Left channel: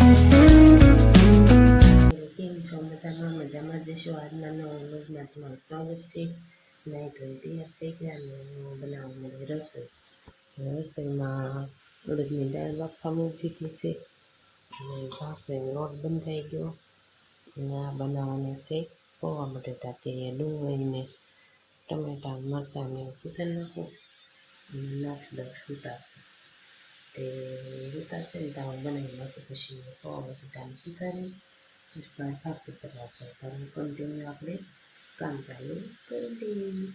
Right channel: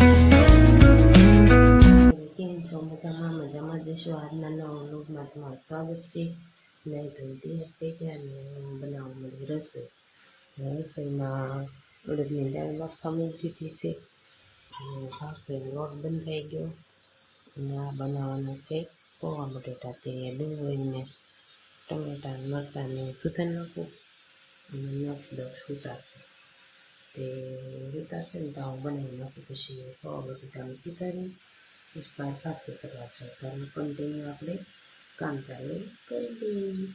કેમ છો? મજામાં મજામાં જશો. આજના નવા વ્લોગમાં તમારું સ્વાગત છે. નહીં તો તૈયાર થઈ ગયા ને હું બનાવવા મળી રસોઈમાં અડદની દાળ બાફવા મૂકી દીધી છે અને ભાખરીનો લોટ બંધાઈ ગયો અને આ બનાવવાના છે પૌવા બટેટા. તે ડુંગળીને ટમેટા મરચાંને સુધારી નાખું અને નાખી દઉં સુધારશે. તે સુધારશે ને તો હું બનાવી નાખું. પછી પૌવા બટેટાને સુધારી બહાર પાસે કરવા જતા કન્ટિન્યુ આપણે કામ ચાલુ કરી દઈએ.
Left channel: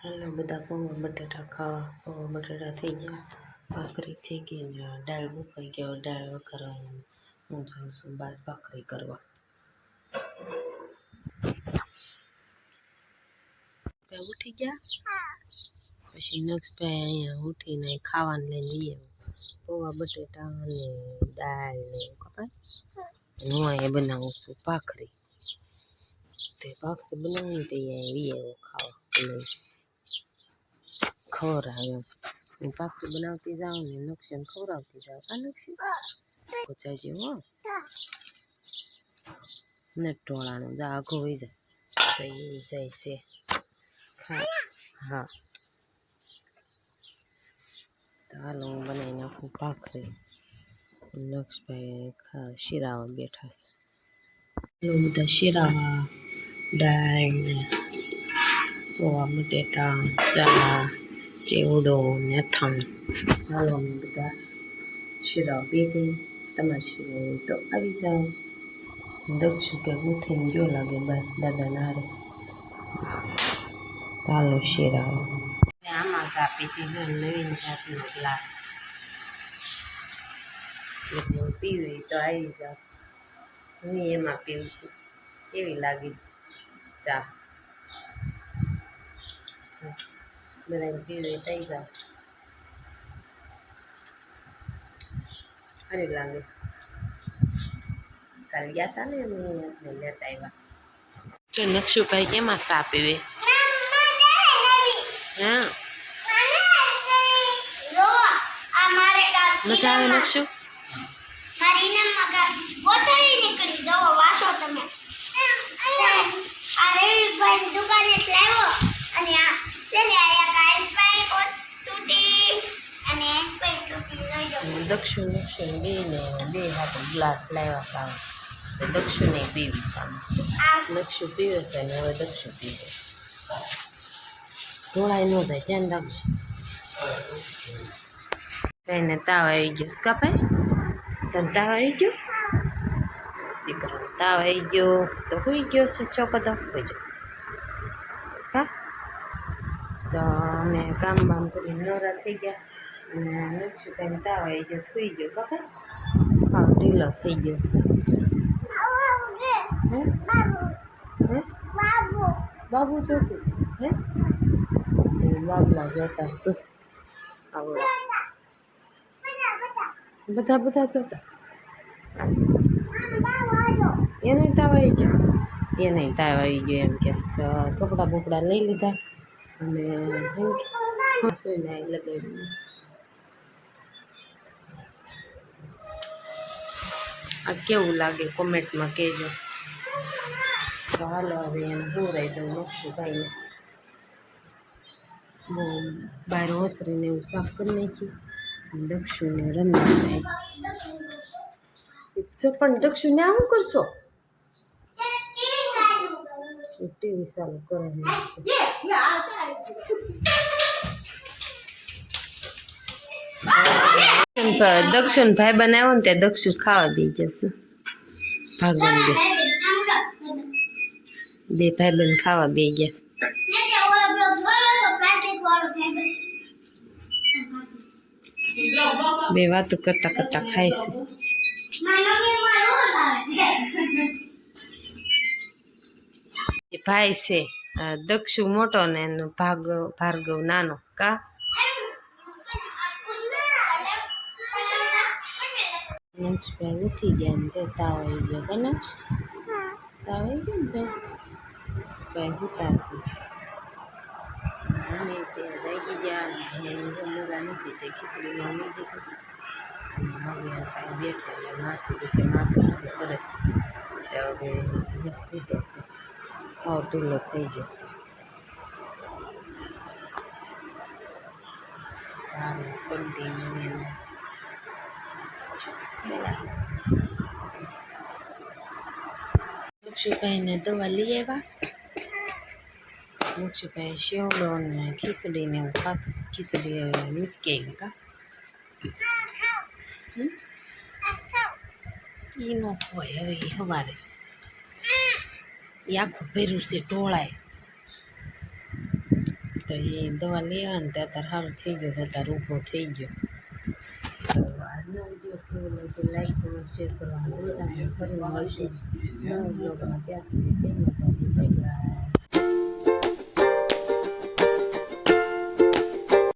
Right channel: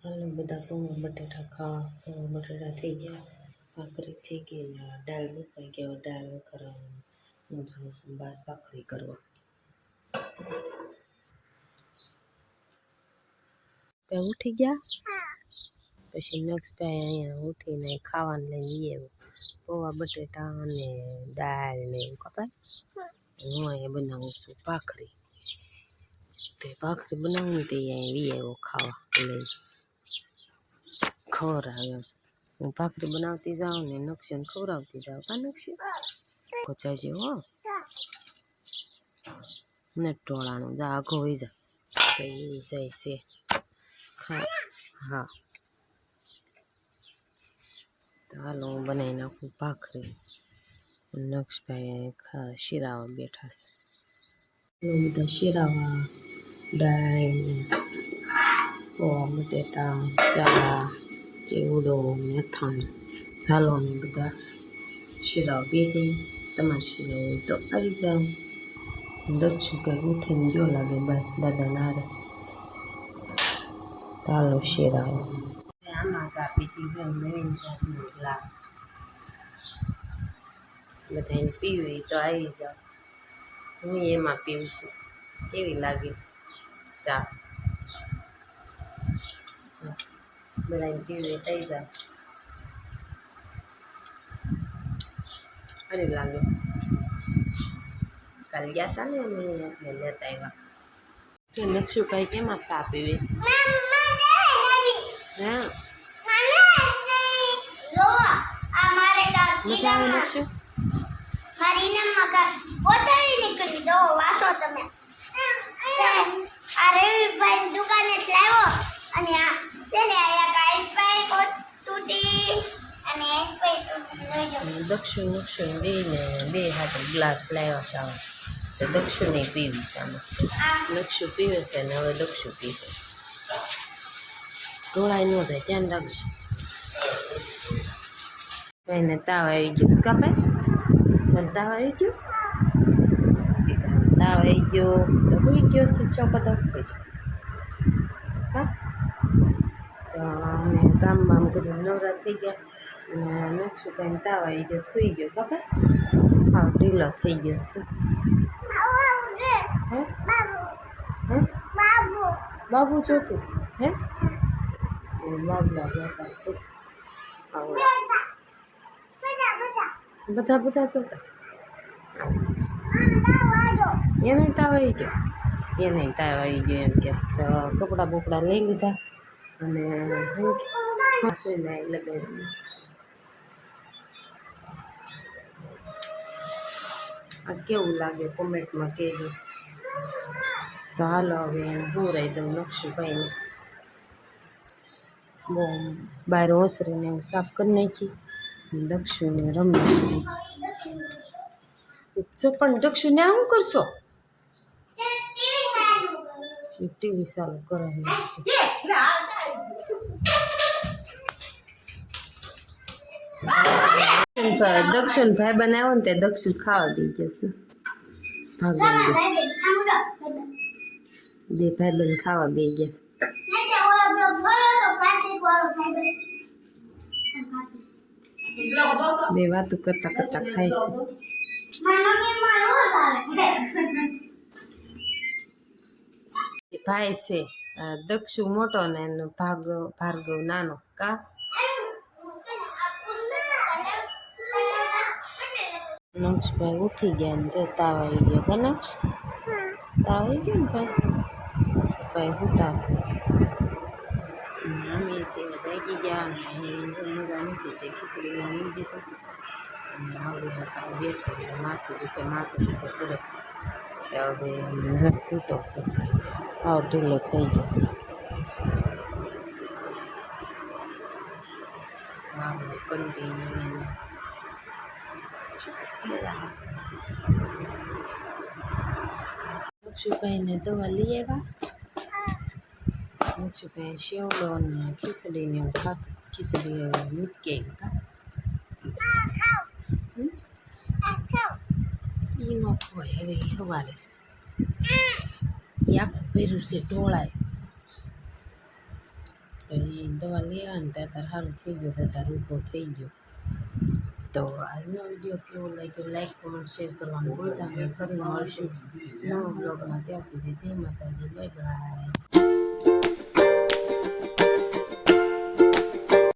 હાલો બધા પૌવા બટેટા ખાવા. પૌવા બટેટા થઈ ગયા, ભાખરી થઈ ગઈ ને દાળ બફાઈ ગયો. દાળ વઘારવાની હું જાઉં છું બહાર ભાખરી કરવા. ઉઠી ગયા પછી નક્ષભાઈ અહીંયા ઉઠીને ખાવાનું લઈને આવ્યો. પૌવા બટેટા અને દાળ ને એવું કપાય. હું અહીંયા બનાવું છું ભાખરી. તે ભાખરી બનાવું તે અહીંયા આવ્યો ખાવા લઈ ખવડાવે. હું ભાખરી બનાવતી જાઉં ને નક્ષીને ખવડાવતી જાઉં. કા નક્ષી પચાઈ જેવો ને ટોળાનું જા આઘો હોઈ જાય તો એ જાય છે. હા તો હાલો હું બનાવી નાખું ભાખરી. નક્ષભાઈ શીરાવા બેઠા છે. હાલો બધા શીરાવા, દાળ ને પૌવા બટેટા, ચા, ચેવડો ને અથાણું. હાલો અમે બધા શીરાવા બે જઈએ. તમારે શીરાવ હોય તો આવી જાઓ. દક્ષુ કે ઉઠીને જો લાગે બહાર દાદાના હારે. હાલો શીરાવા. આમાં ચા પીતી જો નવીન જાતનો ગ્લાસ. બધાને પીવી તો આવી જાઓ. હું એમાં પીવીશું. કેવી લાગી ચા? બધાને પીવી થઈ જાઓ. સારી લાગે. કાલે ગયા હતા ને અમે એટલે લેતા આવ્યા. જો નક્ષુભાઈ કેમાં ચા પીવે? હા મજા આવે નક્ષુ? દક્ષુ નક્ષુ બે હાથે ગ્લાસ લાવ્યા હતા. તો દક્ષુને પીવી સામે. નક્ષુ પીવે છે ને હવે દક્ષુ પીવે. ઢોળાઈ ન જાય ધ્યાન રાખજો. એને તાવ આવી ગયો કા ભાઈ? તને તાવ આવી ગયો? દીકરાને તાવ આવી ગયો તો હોઈ ગયો છે છોકરો તો હોઈ જાય. હા તો અમે કામ બામ કરીને નવરા થઈ ગયા અને નક્ષુભાઈને તાવ આવી ગયો, સુઈ ગયો. બાપા હા ઢીલો થઈ ગયો છે. હે હે બાબુ જોતું છે? હે બાબલા જોતા તું આવડા બધા જોતા. એને તાવ આવી ગયો? એને તાવ આવી ગયો એમ કે કપડાં બપડા લઈ લીધા અને લગાવી. આ કેવું લાગે કોમેન્ટમાં કહેજો. તો હાલો હવે એને બોરાઈ દઉં નક્ષુભાઈને. બહુ બહાર ઓસરીને એવું સાફ કરી નાખી. દક્ષુને રમવા પણ દક્ષુને આવું કરશો? ટીવી ચાલુ કરે દક્ષુન ભાઈ બનાવ્યો ને ત્યાં દક્ષુ ખાવા દઈ જશે. ભાગવા બે ભાઈ બહેન ખાવા બે ગયા. બે વાતો કરતા કરતા ખાય છે. ભાઈ છે દક્ષુ મોટો ને ભાર્ગવ નાનો. કા નક્ષભાઈ ઉઠી ગયા ને જો તાવ આવી ગયો. કા નક્ષ તાવ આવી ગયો ને ભાઈ હુતાશે. અમે ત્યાં જાગી ગયા. મજા નથી તે ખીચડીમાં મૂકી દીધું. હવે કાંઈ બેઠો એટલે માથું દુખે કરે છે. હવે ઝપૂતો છે, આવ ઢીલો થઈ ગયો છે. આવું કન્ટિન્યુ લક્ષુભાઈને દવા લઈ આવ્યા. લક્ષુભાઈ શેવડો ને ખીચડીને એવું ખાતું. ખીચડી મૂકી આવી કા એ ન ખવાય હવે. એ સવારે એ આખું ભર્યું છે ઢોળાય. તો એ દવા લેવા ને ત્યાં સારું થઈ ગયો, તો તાર ઊભો થઈ ગયો. તો આજનો વિડીયો કેવો લાગ્યો લાઈક કમેન્ટ શેર કરવાનું ભૂલતા નહીં. ફરી મળશું નવા બ્લોગમાં. ત્યાં સુધી જય માતાજી, બાય બાય.